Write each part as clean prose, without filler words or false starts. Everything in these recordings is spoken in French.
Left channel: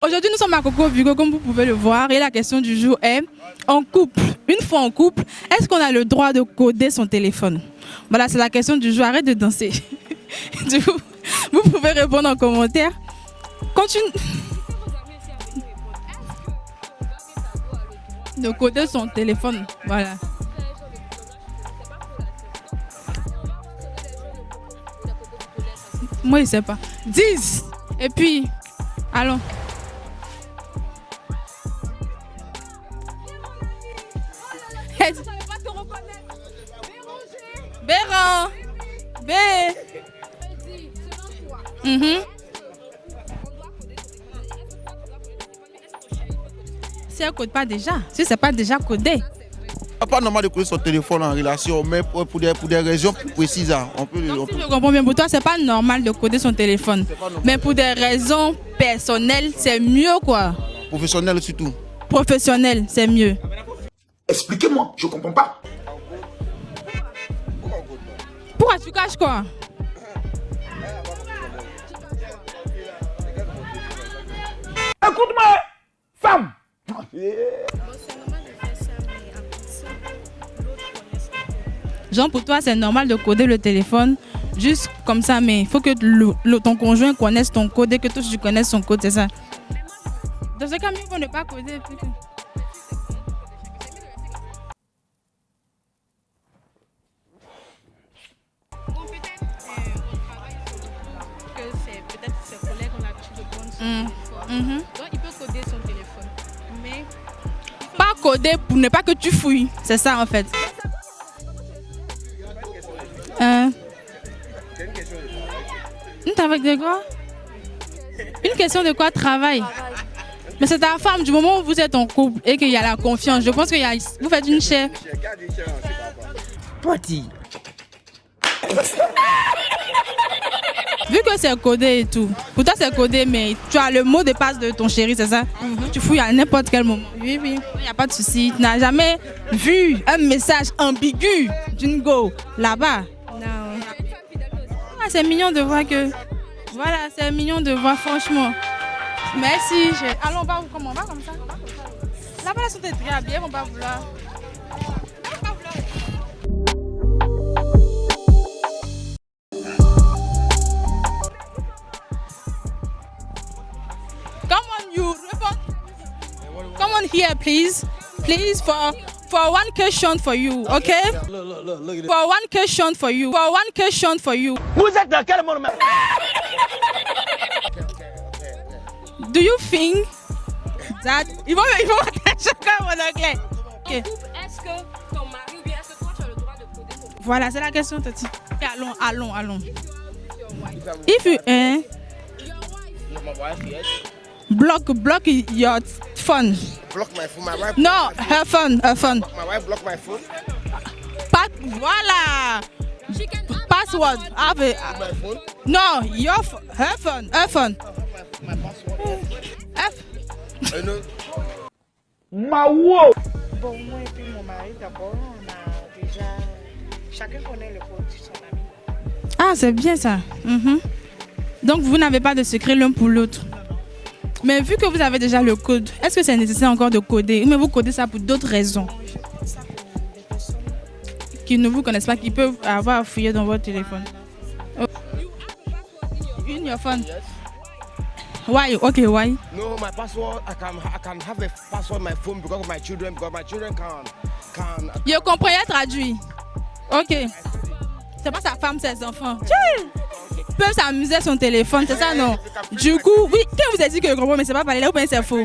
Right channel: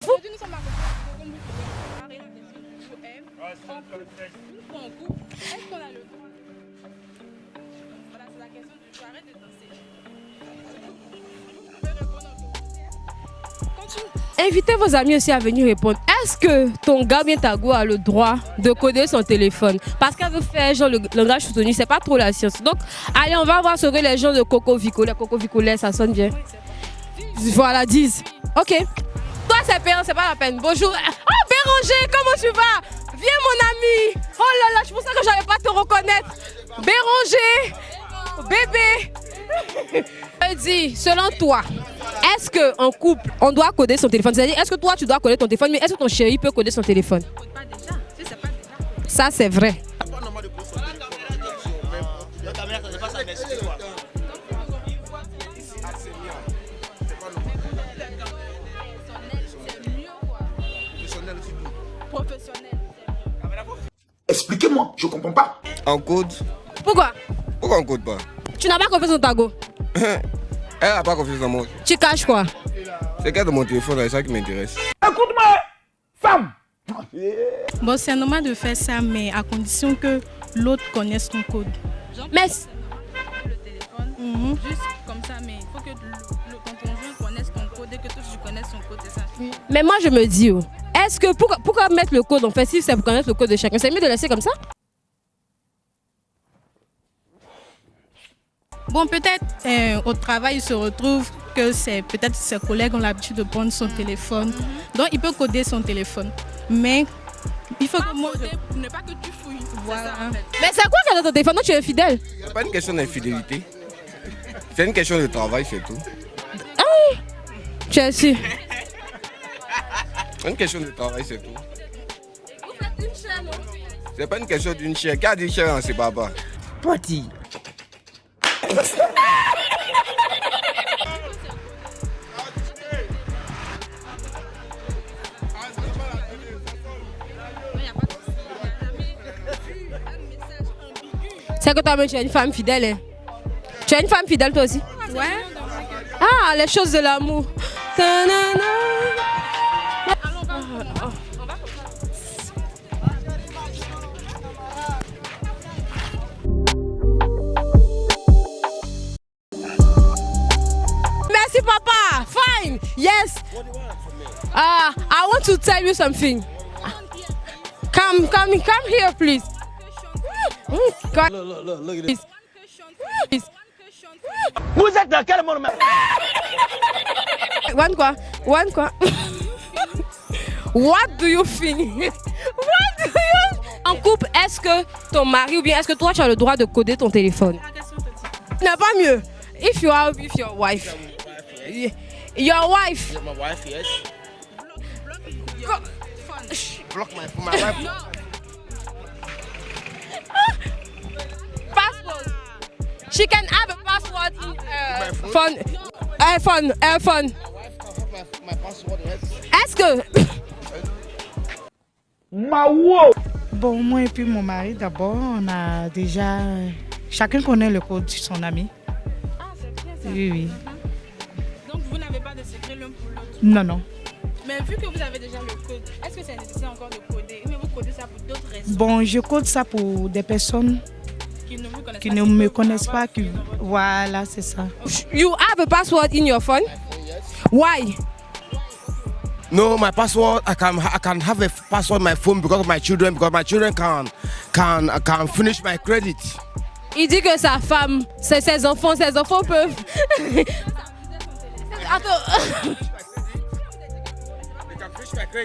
Aujourd'hui, nous sommes à Coco Vigo, comme vous pouvez le voir, et la question du jour est, en couple, une fois en couple, est-ce qu'on a le droit de coder son téléphone? Voilà, c'est la question du jour, arrête de danser. Du coup, vous pouvez répondre en commentaire. Continue. Invitez vos amis aussi à venir répondre. Est-ce que ton gars bien ta go a le droit de coder son téléphone? Voilà. Parce qu'elle veut faire genre le langage soutenu, c'est pas trop la science. Donc, allez, on va voir ce que les gens de Coco Vico, les Coco Vicolais, ça sonne bien. Moi, il sait pas. 10. Voilà, 10. Et puis, ok. allons. Toi, c'est payant, c'est pas la peine. Bonjour. Oh, Béranger, comment tu vas? Viens, mon ami. Oh là là, je pensais que j'allais pas te reconnaître. Béranger. Béran. Bébé. Dis, selon toi, est-ce qu'en couple, on doit coder son téléphone? C'est-à-dire, est-ce que toi, tu dois coder ton téléphone, mais est-ce que ton chéri peut coder son téléphone? Si elle ne code pas déjà, si c'est pas déjà codé. Ça, c'est vrai. C'est pas normal de coder son téléphone en relation, mais pour des raisons précises. Je comprends bien, pour toi, c'est pas normal de coder son téléphone. Mais pour des raisons personnelles, c'est mieux, quoi. Professionnel surtout. Professionnel, c'est mieux. Expliquez-moi, je comprends pas. En code? Pourquoi? Pourquoi on code pas? Tu n'as pas confiance en ta go? Elle n'a pas confiance en moi. Tu caches quoi? C'est qu'elle de mon téléphone, c'est ça qui m'intéresse. Écoute-moi, femme. Bon, c'est normal de faire ça, mais à condition que l'autre connaisse ton code. Genre, pour toi, c'est normal de coder le téléphone, juste comme ça, mais il faut que ton conjoint connaisse ton code et que toi, tu connaisses son code, c'est ça? Mais moi, je me dis, est-ce que pourquoi mettre le code en fait, si c'est pour connaître le code de chacun? C'est mieux de laisser comme ça? Bon, peut-être au travail, il se retrouve que peut-être ses collègues ont l'habitude de prendre son téléphone. Donc, il peut coder son téléphone. Mais il faut pas coder pour ne pas que tu fouilles. C'est ça, en fait. Mais c'est quoi qu'il y a dans ton téléphone? Non, tu es fidèle. C'est pas une question d'infidélité. C'est une question de travail surtout. Une travail de quoi? Tu es sûr? Une question de quoi? Travail. C'est ta femme, du moment où vous êtes en couple et qu'il y a la confiance, je pense que vous faites une chair. Qui a dit chair, c'est papa. Petit. Vu que c'est codé et tout, pour toi c'est codé, mais tu as le mot de passe de ton chéri, c'est ça? Tu fouilles à n'importe quel moment. Oui, il n'y a pas de souci. Tu n'as jamais vu un message ambigu. C'est que toi, tu es une femme fidèle. Tu es une femme fidèle, toi aussi? C'est mignon de voir que. Ah, les choses de l'amour. C'est mignon de voir, franchement. Merci. Allons, on va comment? On va comme ça. Là-bas, la sauté bien, on va vouloir. Merci, papa. Fine. Yes. I want to tell you something. Come on here, please. Come here, please. For one question for you, okay? Look at this. For one question for you. For one question for you. Vous êtes dans quel monde? One quoi? One quoi? Do you think? What do you think? En couple, est-ce que ton mari ou bien est-ce que toi tu as le droit de coder ton téléphone? Voilà, c'est la question, Tati. Il n'y a pas mieux. Allons. If you are with your wife. If you, your wife. My wife, yes. Block your phone. Block my phone. My wife. No, her phone. My wife block my phone. Voilà. She can have Password. Have a phone. No, her phone. Est-ce que Mawo. Bon, moi et puis mon mari, d'abord, on a déjà... Chacun connaît le code de son ami. Ah, c'est bien ça. Oui. Donc, vous n'avez pas de secret l'un pour l'autre? Non. Mais vu que vous avez déjà le code, est-ce que c'est nécessaire encore de coder? Ou mais vous codez ça pour d'autres raisons? Bon, je code ça pour des personnes qui ne vous connaissent pas, qui qui ne me peuvent connaissent avoir pas. fouillé dans votre téléphone. Voilà, c'est ça. you have a password in your phone? Why? Why? Okay, why? No, my password, I can have a password on my phone because my children can finish my credit. Il dit que sa femme, ses enfants peuvent s'amuser à son téléphone, c'est ça, non? Du coup, oui, quand vous avez dit que le grand mais c'est pas parler là, ou c'est faux?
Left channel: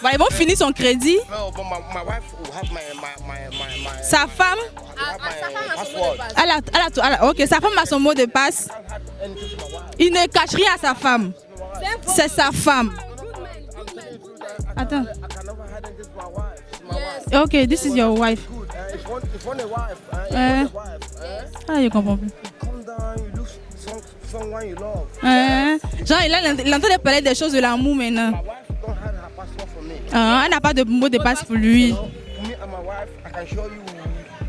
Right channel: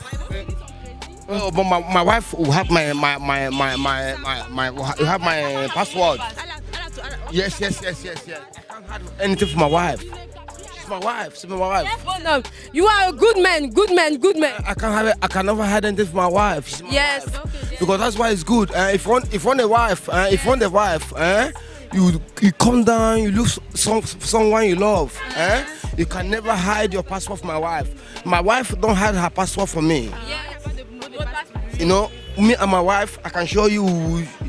Voilà, ils vont finir son crédit. Oh, but my wife will have Sa femme will have my password. Ok, sa femme a son mot de passe. Anything for my wife. Il ne cache rien à sa femme. C'est sa femme. You are a good man. I can never hide anything for my wife. Yes. Okay, this Because is that's your why it's good. If you want a wife, you come down, you look someone you love. You Genre, can il never hide a your parler des password choses for de my l'amour wife. maintenant. My wife don't hide her password from me. Elle n'a pas de mot de passe pour lui. You know, me and my wife, I can show you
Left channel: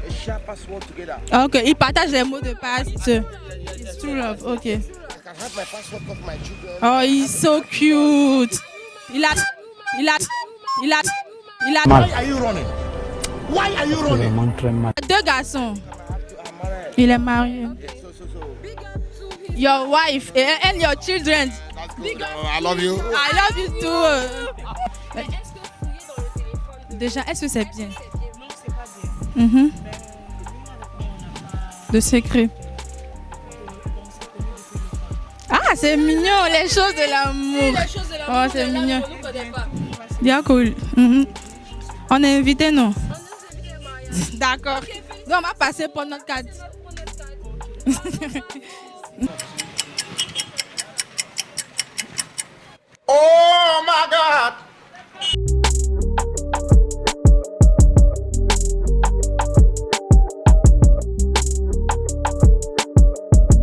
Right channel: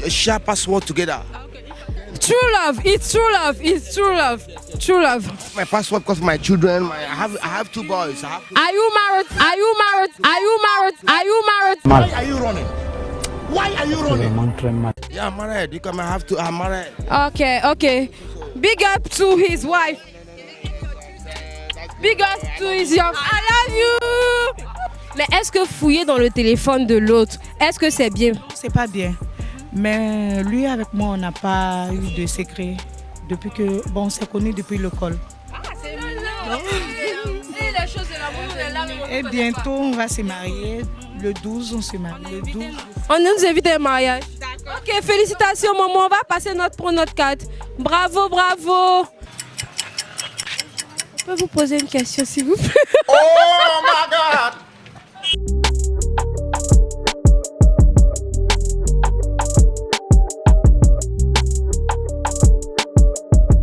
a share password together. Ok, ils partagent les mots. True love, it's true love, it's true love. Okay. True love. I have my password because my children. Oh, he's so cute. Are you married? Are you married? Are you married? Are you married? Why are you running? Why are you running? Deux garçons. Because I have to. I'm married. Il est marié. Okay. Big up to his Your wife. wife and your children. Big up I to love his you. young. I love you. Mais est-ce que fouiller dans le téléphone de l'autre, est-ce que c'est bien? C'est pas bien. Mais lui, avec moi, on n'a pas De secret. Depuis que, bon, on s'est connus depuis l'école. Ah, c'est mignon, les choses de l'amour. Les choses de l'amour. Oh, c'est mignon. Et bientôt, on va se Bien marier. cool. Le 12, on se marie. On est invité, non? On nous invite à un mariage. D'accord. Ok, félicitations, On va passer maman. On va pour passer pour notre cadre. Bravo, bravo. Je peux vous poser une question, s'il vous plaît? Oh my God!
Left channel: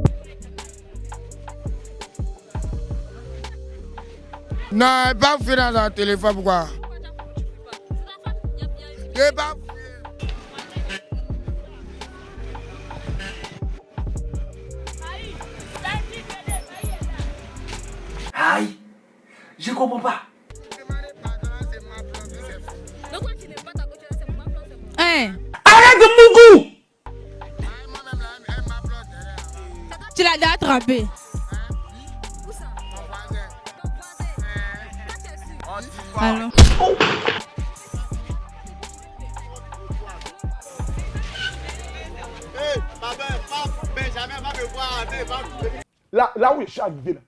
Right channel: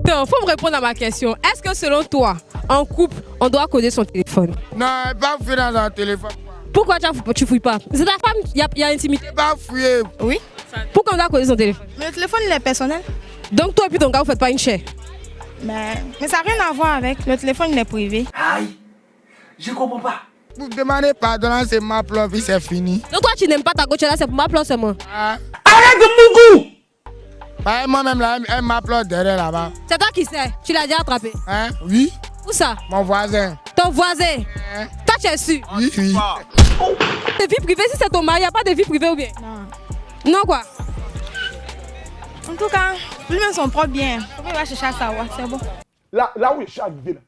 Il faut me répondre à ma question. Est-ce que selon toi, en couple, on doit coder son téléphone? Non, pas fouiller dans un téléphone, pourquoi? Pourquoi tu fouilles pas? C'est ta femme, il y a intimité. Je pas fouiller. Oui. Pourquoi on doit coder son téléphone? Mais le téléphone, il est personnel. Donc toi et puis ton gars, vous faites pas une chair? Mais ça n'a rien à voir avec. Le téléphone, il est privé. Aïe, je comprends pas. Vous demandez pardon, c'est ma plombe, c'est fini. Donc toi, tu n'aimes pas ta gauche là, c'est pour ma place seulement. Hein? Arrête de Mougou! Moi-même, là, elle m'applaudit derrière là-bas. C'est toi qui l'as déjà attrapé. Hein? Oui, Où ça? mon voisin. Ton voisin. Toi, tu es sûr? Oui, oui. De vie privée, si c'est ton mari, il n'y a pas de vie privée ou bien? Non quoi? En tout cas, lui-même son propre bien. Il va chercher à savoir, c'est bon. Là où il est arrivé,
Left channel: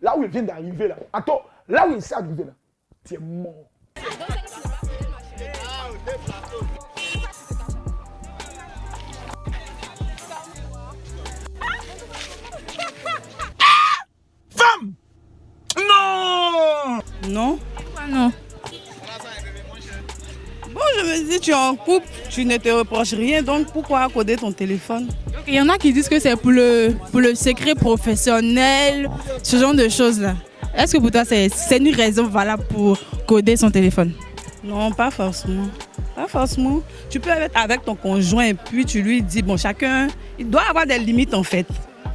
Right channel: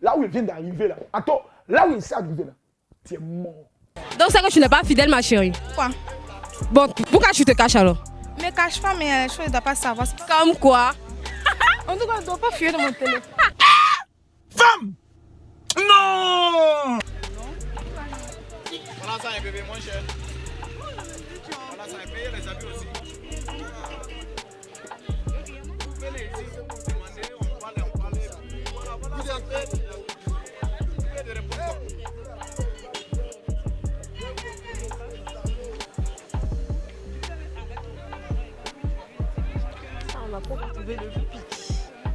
là où il vient d'arriver, là. Attends, là où il s'est arrivé, là, tu es mort. Donc c'est que tu n'es pas fidèle, ma chérie. Quoi? Bon, pourquoi tu te caches alors? Ne me cache pas, mais les choses, il ne doit pas savoir. Comme quoi? En tout cas, je ne dois pas fuir dans mon téléphone. Femme! Non! Non? Non. Bon, je me dis, tu es en couple, tu ne te reproches rien, donc pourquoi coder ton téléphone? Il y en a qui disent que c'est pour le secret professionnel, ce genre de choses-là. Est-ce que pour toi, c'est une raison valable pour coder son téléphone? Non, pas forcément. Pas forcément. Tu peux être avec ton conjoint et puis tu lui dis, bon, chacun, il doit avoir des limites en fait.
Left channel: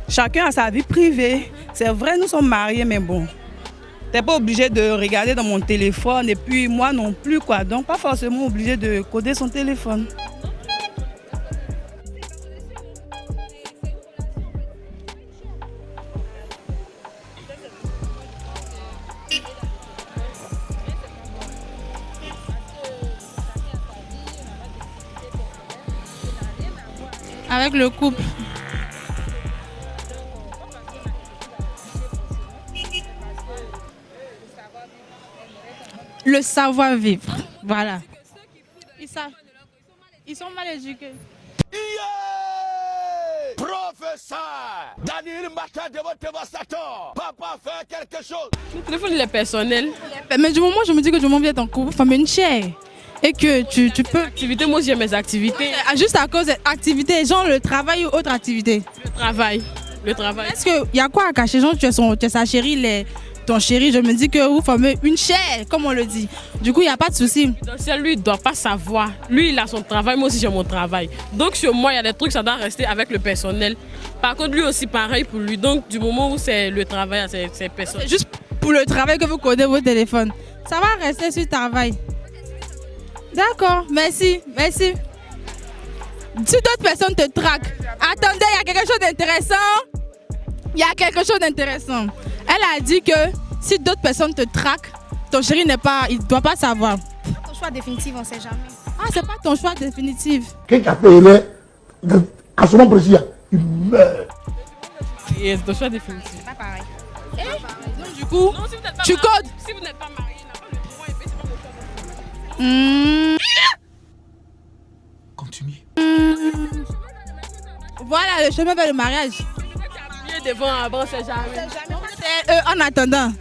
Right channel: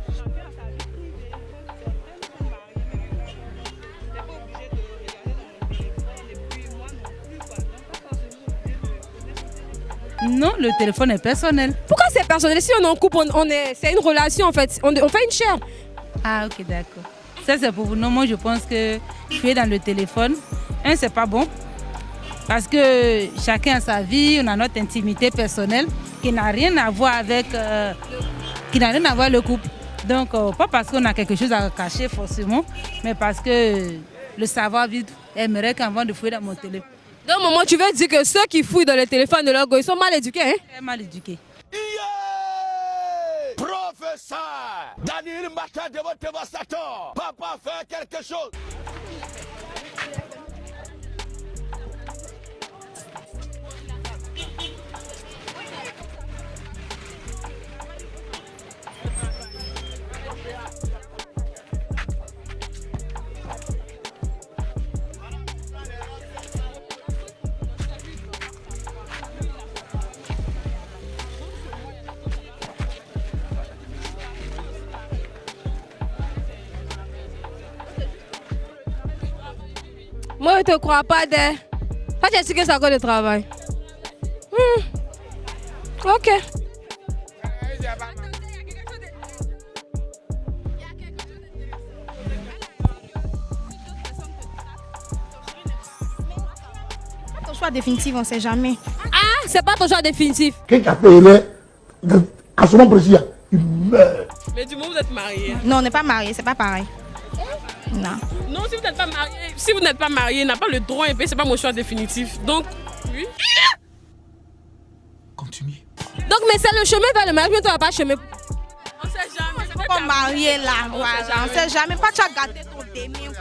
Chacun a sa vie privée. C'est vrai, nous sommes mariés, mais bon. T'es pas obligé de regarder dans mon téléphone et puis moi non plus, quoi. Donc, pas forcément obligé de coder son téléphone. Non, le téléphone est personnel. Pourquoi c'est personnel? Si on est en couple, c'est une relation en fait. On fait une chair. Ah, ok, d'accord. Ça, c'est pour vous. Non, moi, je pense que tu es dans le téléphone. C'est pas bon. Parce que chacun a sa vie, on a notre intimité personnelle qui n'a rien à voir avec le couple. Qui n'a rien à voir avec le couple. Donc, pas parce qu'on a quelque chose à cacher forcément, mais parce que le savoir-vivre aimerait qu'avant de fouiller Le savoir-vivre. Donc, maman, tu veux dire que ceux qui fouillent dans le téléphone de leur go, ils sont mal éduqués, hein? Ils sont mal éduqués. Professeur Daniel Mata de votre dévastateur. Papa fait quelque chose. Le téléphone, il est personnel. Mais du moment où je me dis que du moment où vous êtes en couple, vous une chair. Et que tu peux... Activité, moi aussi, j'ai mes activités. Juste à cause d'activités, genre le travail ou autre activité. Le travail. Est-ce qu'il y a quoi à cacher? Genre, tu es sa chérie, ton chéri, je me dis que vous formez une chair, comme on le dit. Du coup, il n'y a pas de souci. Donc, lui, il ne doit pas savoir. Lui, il a son travail, moi aussi, j'ai mon travail. Donc, sur moi, il y a des trucs, ça doit rester avec le personnel. Par contre, lui aussi, pareil pour lui. Donc, du moment où c'est le travail, c'est personnel. C'est juste pour le travail que vous codez vos téléphones. Moi, je ne te crois pas de travail. Toi, tu as dit que c'est encore le travail. D'accord, merci. Merci. Ok. Si d'autres personnes te traquent, attendez, il y a quelque chose d'intéressant. Il y a quelque chose d'intéressant. Elle a dit que si d'autres personnes te traquent, ton chéri il ne doit pas savoir. Ton choix définitif, on ne sait jamais. C'est pas ton choix définitif. Quelqu'un fait à ce moment précis, il meurt. Mais du moment où vous êtes mariés. Non, on n'est pas mariés, c'est pas pareil. Non. Du coup, non, si vous n'êtes pas marié, n'a pas le droit, c'est pas mon choix définitif. Donc. Continue. Donc, mais c'est le chemin vers le mariage, mais tu n'as pas chemin. Voilà, le chemin vers le mariage. Pas marié là, on ne sait jamais. Pas de en attendant.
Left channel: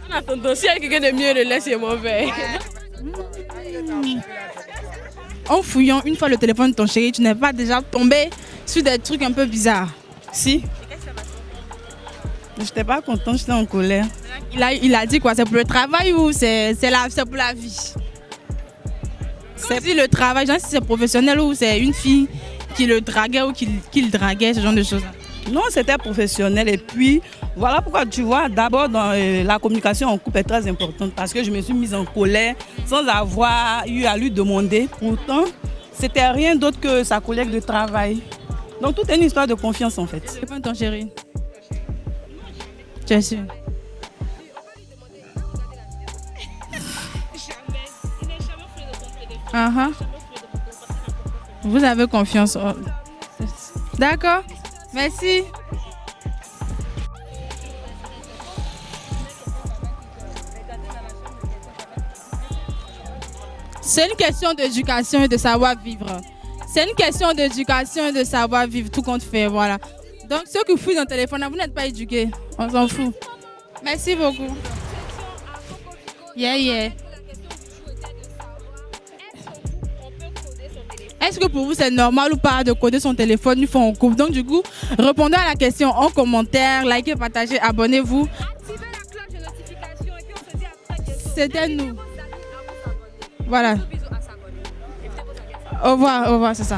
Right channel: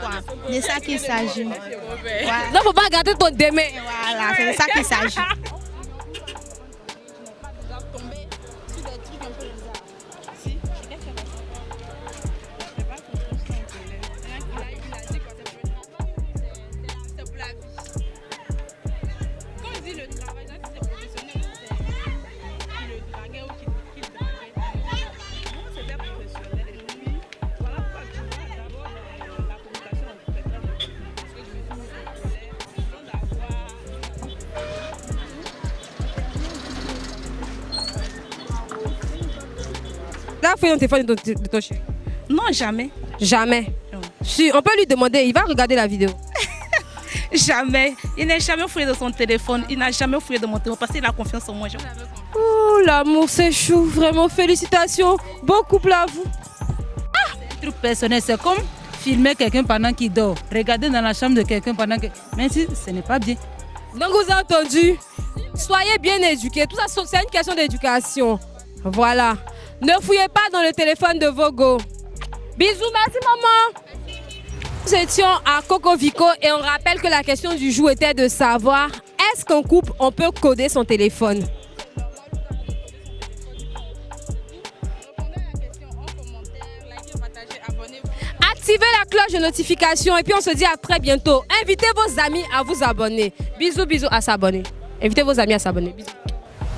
Si il y a quelqu'un de mieux, le laisse, c'est mauvais. Donc, il ne faut pas garder ton démé. Voilà, c'est ça qu'il s'agit. En fouillant une fois le téléphone de ton chéri, tu n'es pas déjà tombé sur des trucs un peu bizarres? Si. Je n'étais pas content, j'étais en colère. Il a dit quoi? C'est pour le travail ou c'est pour la vie? C'est dit le travail, genre si c'est professionnel ou c'est une fille qui le draguait ou qui le draguait, ce genre de choses. Non, c'était professionnel. Et puis, voilà pourquoi tu vois, d'abord, dans la communication en couple est très importante parce que je me suis mise en colère sans avoir eu à lui demander. Pourtant, c'était rien d'autre que sa collègue de travail. Donc, tout est une histoire de confiance en fait. Là, fais le téléphone de ton chéri. Non, jamais. Jamais. Si, on peut lui demander, il va regarder la vidéo. Jamais. Il n'a jamais fouillé de son téléphone. Il n'a jamais fouillé de mon téléphone parce qu'il a confiance en moi. Vous avez confiance en Oh, l'amour, c'est chou. Vraiment, félicitations. Merci. Bon couple à vous. Truc personnel, c'est comme filmer quelqu'un pendant qu'il dort. Regarder dans la chambre de quelqu'un pendant que... Même si ce n'est pas bien. C'est une question d'éducation et de savoir. Soyez bien éduqués. C'est une question d'éducation et de savoir vivre. Voilà. Voilà. Ne fouillez pas dans le téléphone de vos Vous n'êtes pas éduqués. Bisous, merci maman. Merci beaucoup. Nous étions à Coco Vico et on rappelle que la question du jour était de savoir est-ce qu'en couple on peut coder son téléphone? Est-ce que pour vous c'est normal ou pas de coder son téléphone une fois en couple? Donc du coup, répondez à la question en commentaire, likez, partagez, abonnez-vous. Activez la cloche de notification et puis on se dit à très bientôt. Invitez vos amis à vous abonner. Voilà. Bisous à s'abonner. Invitez vos amis à s'abonner. Au revoir, c'est ça.